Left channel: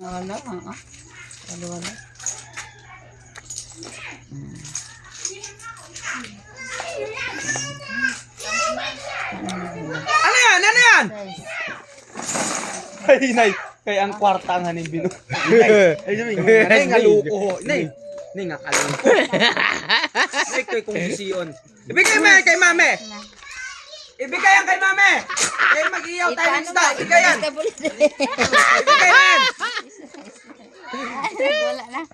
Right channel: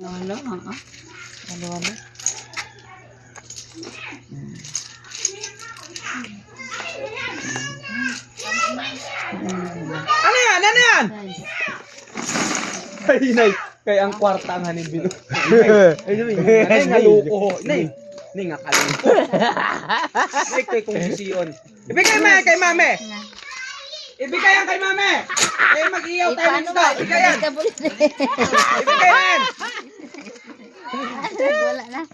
Wala, wala. Ano yan? Ano yan? Ay, nay. Kaya ang kwarta ang hanin binu. Ay, nay, nga luko. Nay, nga kaluko. Nay, ko'y kong sisiyon. Ibigay mo yan kay mame. Ibigay yan kay mame. Kaya mag-iyaw tayo ng isda. Ibigay yan. Ibigay yan. Wala na.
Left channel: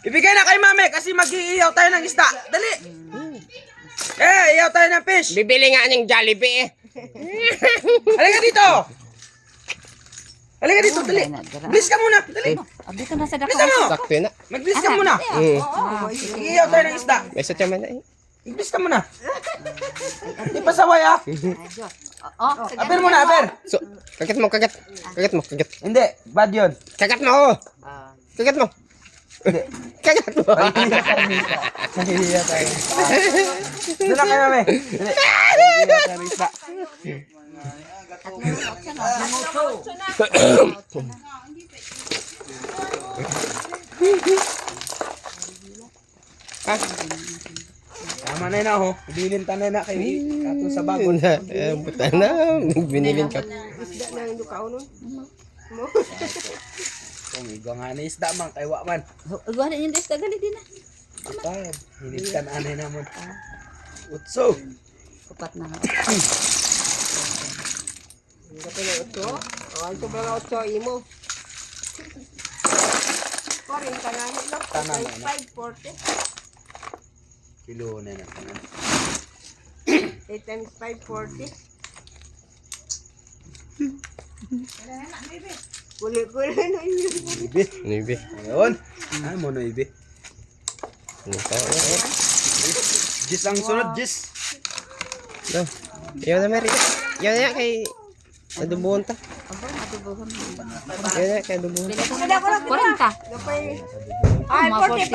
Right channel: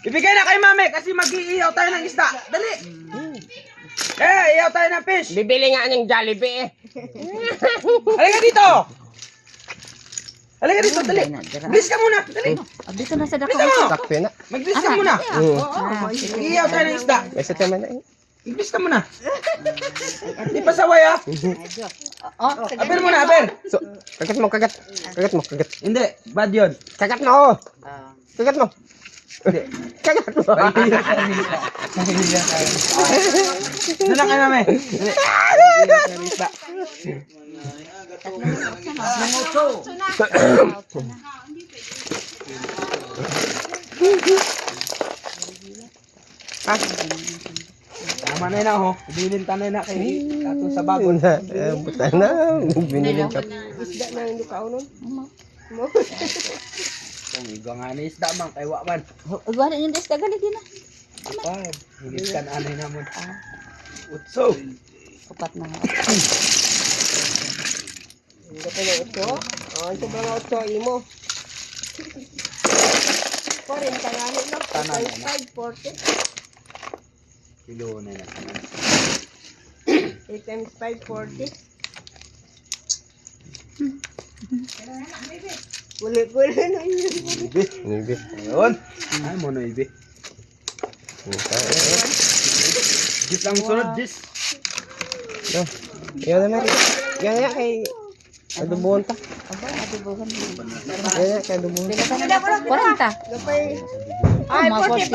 Ibigay na kay mame kasi mag-iiyaw tayo ng isda. Dali. Iyaw tayo ng fish. Bibili nga ng Jollibee eh. Halika dito. Halika dito, dali. Bilis ka muna, dali. Dito na sa dako. Bilis mo. Sakto na. Magbilis ka muna. Mag-iiyaw tayo ng isda. May satya man na eh. Magbilis ka muna. Hindi pa saway ah. Aber muna, aber. So, kagat mo, kagat. Kagat mo, kagat. Hindi, bad yun. Kagat mo! Kagat mo! Hindi. Kagat mo! Nahihiya tayo. Doon lang kayo, mame. Mag-iiyaw tayo ng isda. Tama na yun ako. Ibilin ta na yun kay Kato sa bagon. Buta na. Binilin ka. Isda na yung lukao nun. Kung iga nga na isda man, kay Wakman. Wala yung desta gali din na. Kapag, hindi ka na anay naman. Utso. Upat na nga. Hindi ka na ito. Ang sobrang na ito, imo. Pa rin, tangahin lang. Tanan na. 540. Kilo na na. 8 times 540. Kuli-kuli na yun. Ibi. Nibi. Ayun. Ay mo na ibi. Jis ang sunod, Jis. Yan na, Mary. Yan na, kay... Adubuhan ta. Aba, adubuhan mo. Yan na, kay adubuhan. 40. Gapay. Ay, 45.